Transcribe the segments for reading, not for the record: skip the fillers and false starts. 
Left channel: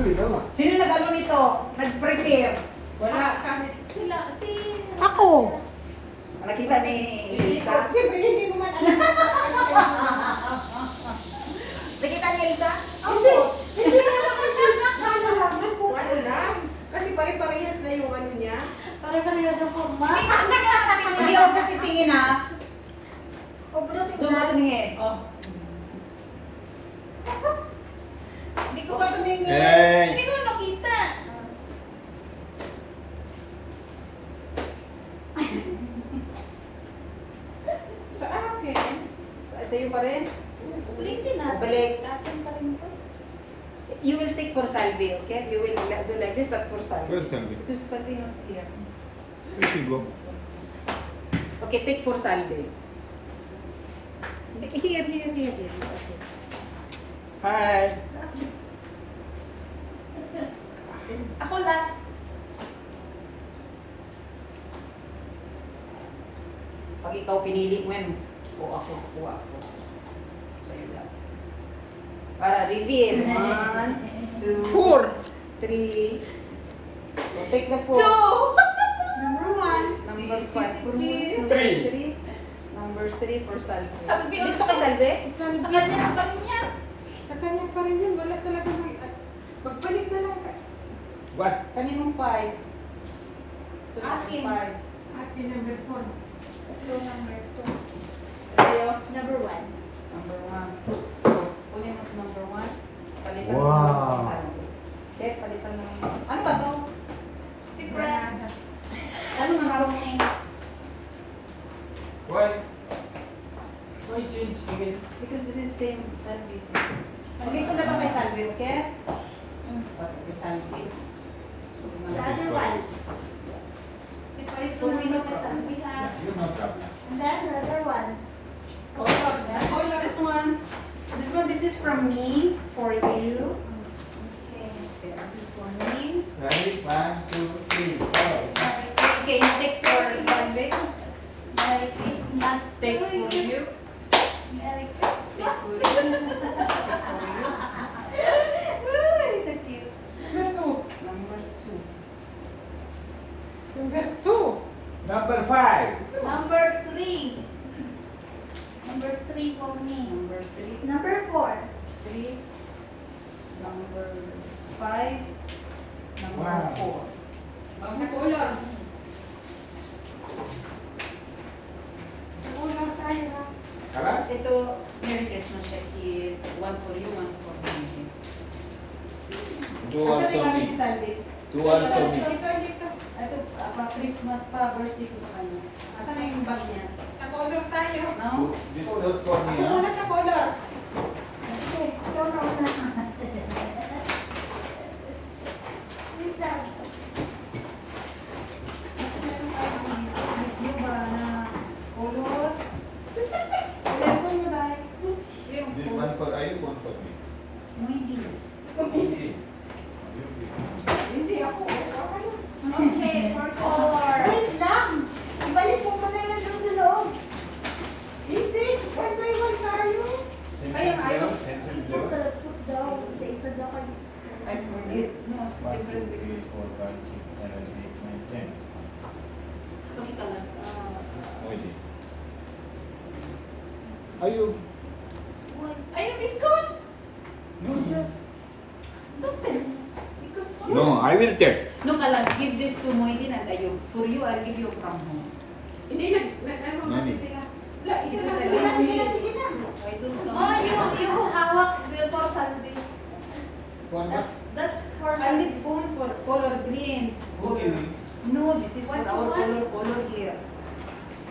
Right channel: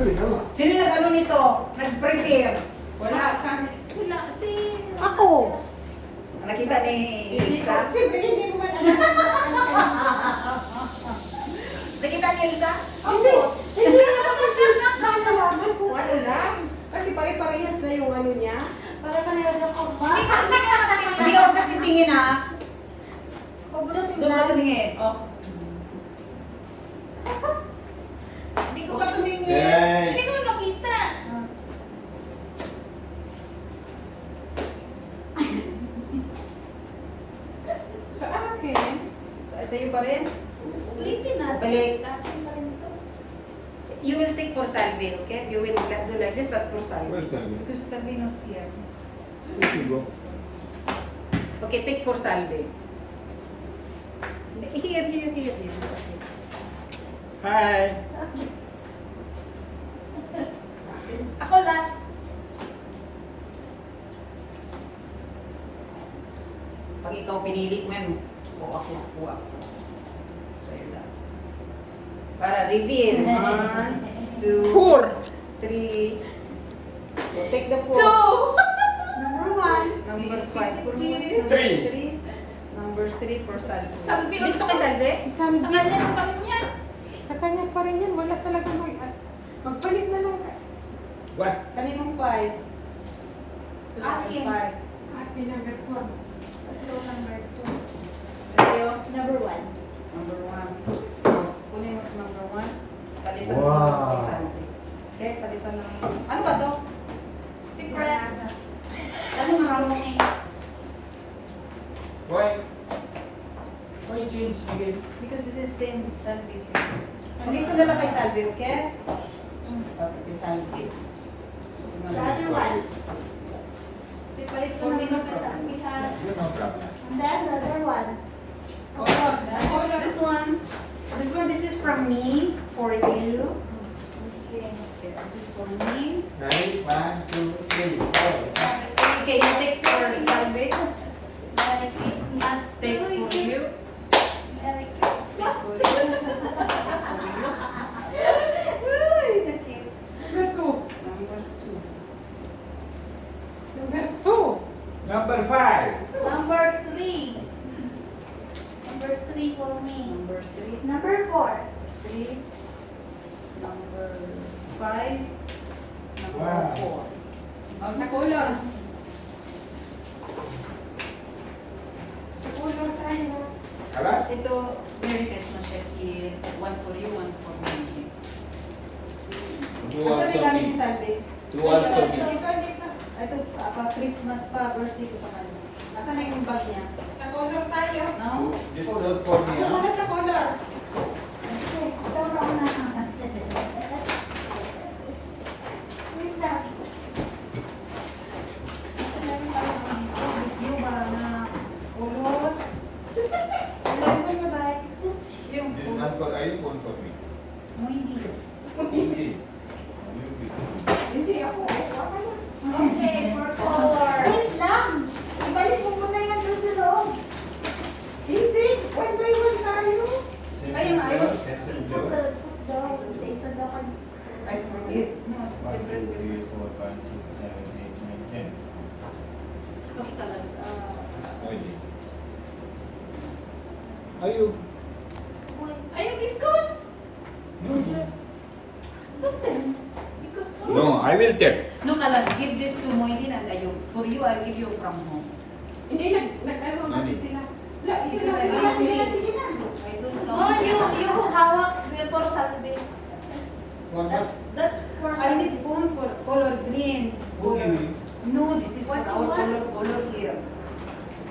Sino nag-ano nito? Nag-prepare? Wala. Sila, Ako. Nakita ni Elsa? Siyempre, hindi mo man alam. Nakita ni Elsa? Hindi. Hindi naman ako nalaman kung ano lang. Kasi pare-parehas na yung ano niya. Pare-parehas yung kumpa. Hindi ako titingin ha. Doon ka tumingin. Oh. Hindi ko ba tumingin? Hey. Hindi ko makita. Sa akin. Sa'yo pa rin? Ulitin natin. Balik. Sa akin pa rin ito. You will take for Salve, okay? You will do like this, but for Salve. Where's Salve? Because Salve not here. Here you go. Okay, take for Salve. Here. Okay. Hi. Ako last. Pag ikaw pinili mo yan, o ako. So, yun last. Para reveal. 1, 2, 4. 3. So, take the 4. Number 1. Number 5 for me. Number Three. 3. Number 3 for Salve. Salve Dito also. kay Salve? Sa kanya na pa rin niya. Sa kanya pa rin yan, wala talaga may... Magpalit na lang ka. What? Kaninong 5? Ito sa akin Akin. 5. Happy number 4. Ito number 2. Sa'yo? Number 1. Number 1. Kunin mo number 1. Palitan mo Wow. kay Salve. Okay, palitan mo. Ano ba to? Secret. Ano marunong eh. Why? Why change again? Because this is same Salve. Nandito na lang kay Salve, okay? Kay Salve. The other one. Secret ko naman ka sa ha. You no problem. And then the other one. This is from me for you. Okay. Okay, this is for me. Ready? 1, 2, 3, go. Okay, you take for Salve. Merry Christmas to Take for you. you. Merry Take for Christmas. you. Uy, the kids. Number 2. Number 2. Number 2. Number 5. Number 3. Number 3 for me. Number 3. Number 4. 3. Number 5. Number Wow. 4. Sa kulang. Sa kulang tayo. Alas? Ito, Merry Christmas, Shakir. One for you, one for me. Two Asa also kami ni me. Salve? Two also me. Dito. Ito, Christmas pa, birthday ko sa kanya. Asa na yung bag niya? Sa color tayo. No? This one for me, Ako huh? muna sa color. Ikaw na una. Wait lang. Yung ba na color? Cellphone mo dahil. Yung This one for you, one for me. mo hindi. Okay. Hindi ako. Okay, for color. Wait lang! Ibalik mo muna yan doon sa loob. Hindi. One by one tayo. Ayun, ayun. Put daw, isa-isa daw kayo. I forget. No, it's 1, 2, different. 3, 4, 5, 6, 7, 8, 9, 10. Okay, kalas. Okay. Ayun. Ayun, biscuit. No, no. Don't tell. Because No, I will take. No, kalas, give this to Moidin and Ayub. For you, I'll give you from home. Hindi, nag-ano kasi sila. Wala, isa na Sige sila. na, sige na, sige na. I don't know. Oh, you hawak the for Salve. One more. That's for I need Salve. phone for color green. Okay. No, this is for What you our want? color here.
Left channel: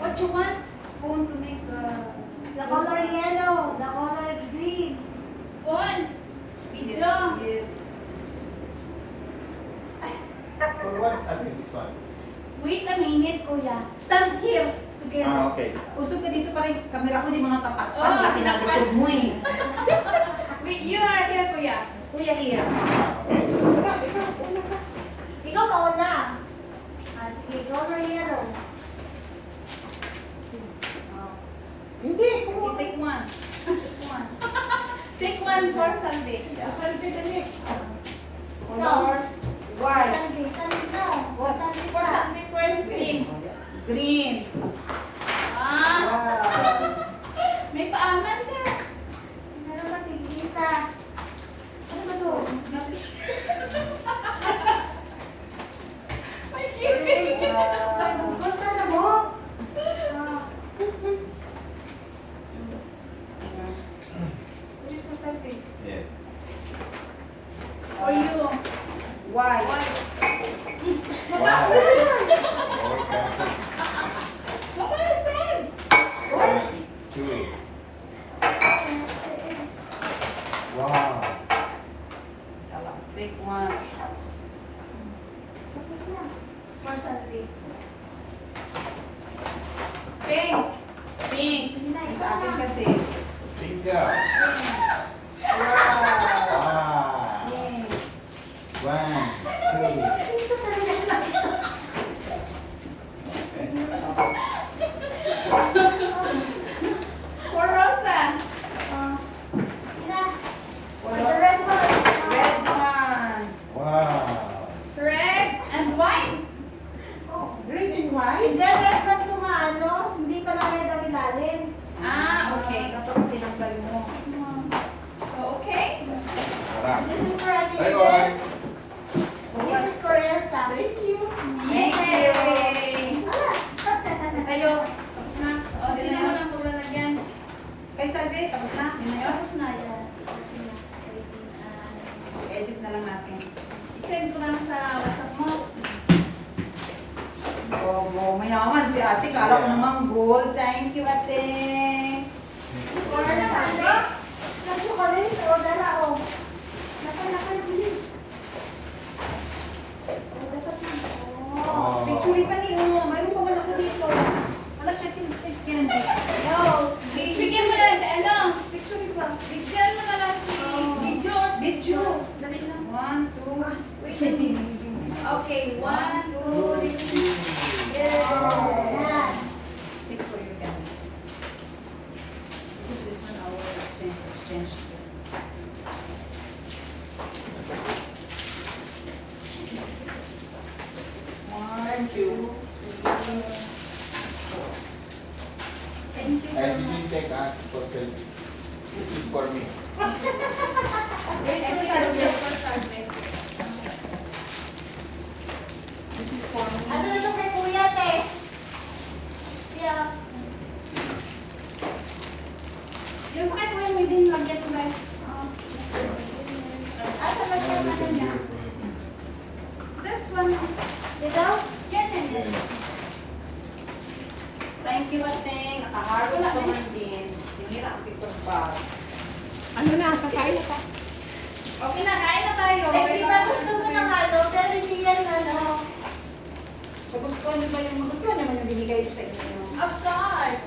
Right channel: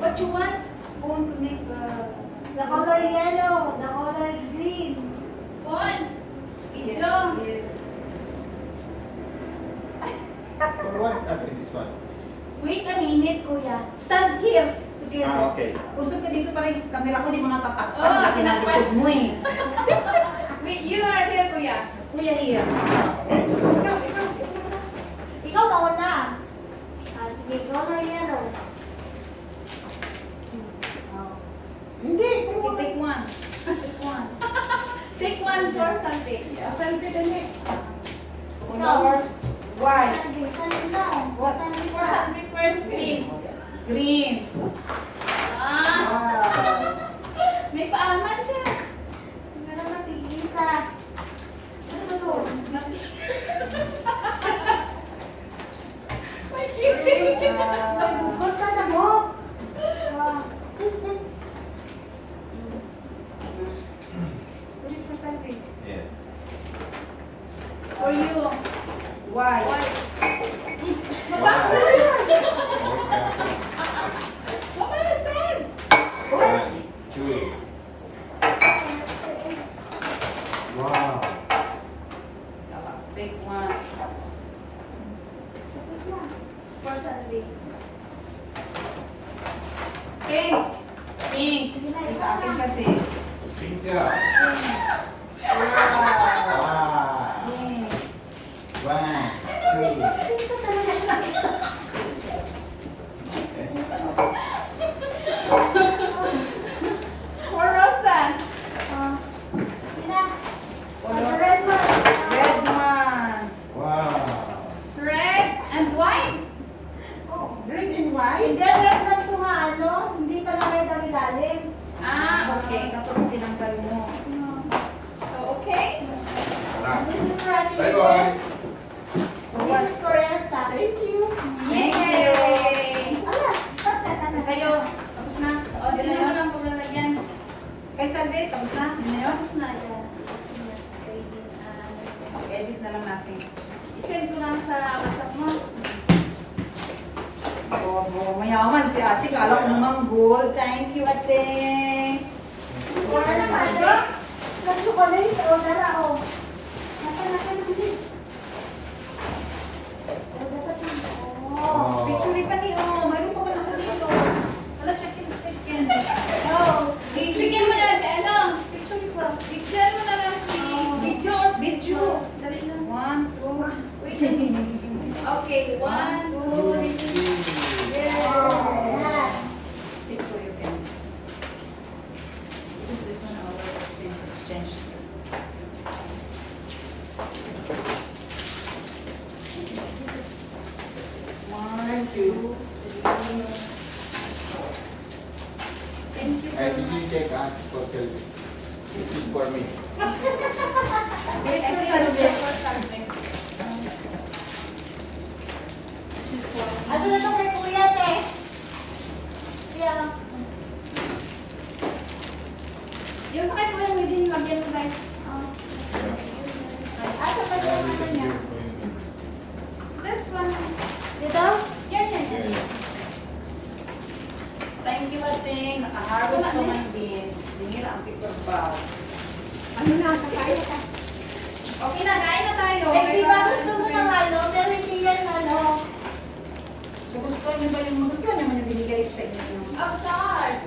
What you want? Phone to make The color yellow, the color green. Phone. Video. Yes. For what? Okay, this one. Wait a minute, kuya. Stand here together. Ah, okay. Usog ka dito pa rin. Kamera ko, di mo natatakpan. Oh, Pati nalikod mo eh. Wait, you are here, kuya. Kuya, here. Ikaw mauna. Sige, color yellow. Hindi, Okay, take one. Take one. Take one for Salve. Salve the next. color. White. Sabi, sabi na. What? Sabi For na. Sunday first green. Green. Ah, Wow. may paaman siya. Hindi na matigisa. Ano sa so? May kilig. Bukod pa sa mo. Wish for selfie. Yes. For you. White. Mabasa yan. Mabasa. One, two. Wow. Take one. Tapos na. For Sunday. Pink. Pink. Sige na, Yung isa sa akin na. kasi. Bingo. Wow. Wow. Pink. One, two. Dito talaga lang. Okay. For Rosa. Sige na. Color. The red one. Red one. Wow. Red and white. Oh. Green and white. Hindi, red one to nga, ano? Hindi pa lang red ang ilalim. Ah, okay. Dapat tinanggal mo. So, okay. Tara. This is for Ate Bye Eden. bye. This is for Elsa. Thank you. Thank you. Alas. Sa'yo. Tapos na. O, Yun na sino yun. mo lang paglalagyan? Kay Salve, tapos na. Yun na yun. Tapos na yan. Edit na lang natin. I-send ko lang sa WhatsApp mo. Oh, mayaman si ate. Kala ko naman gold. Thank you, ate. For ano? Nag-chocolate. Order ako. Naka-naka-nabili. Dapat na. Oh. Picture pa ni Umo. Mayroon pa man ako dito. Wala siya candy. Go! Bigyan mo na si ano? Picture pa. Bigyan mo na lang si video. Video. Dali lang. 1, 2. Wait. Okay, 1, 2, 3. Ayan. Picture you can. Because this one our exchange. One, two. Thank you. I didn't take hands for selfie. This is for me. Thank you for Sunday. This is for me. Asa na ito kay Kuya, te? Kaya, Yung sakit mo yung within lagyan ko guys. asa ba yung ano niya? That one. Dito? Yan, yan, yan. Yeah. Thank you, ate. Nakaharap naman din. Sinira ang paper bag. Ano na ang kakain? Okay na, kain na tayo. Eh, di ba gusto mo ng ano? Pero hindi yan ano. Kung gusto nyo ba yung magkano naman yung binigay ko sa inyo? Of course.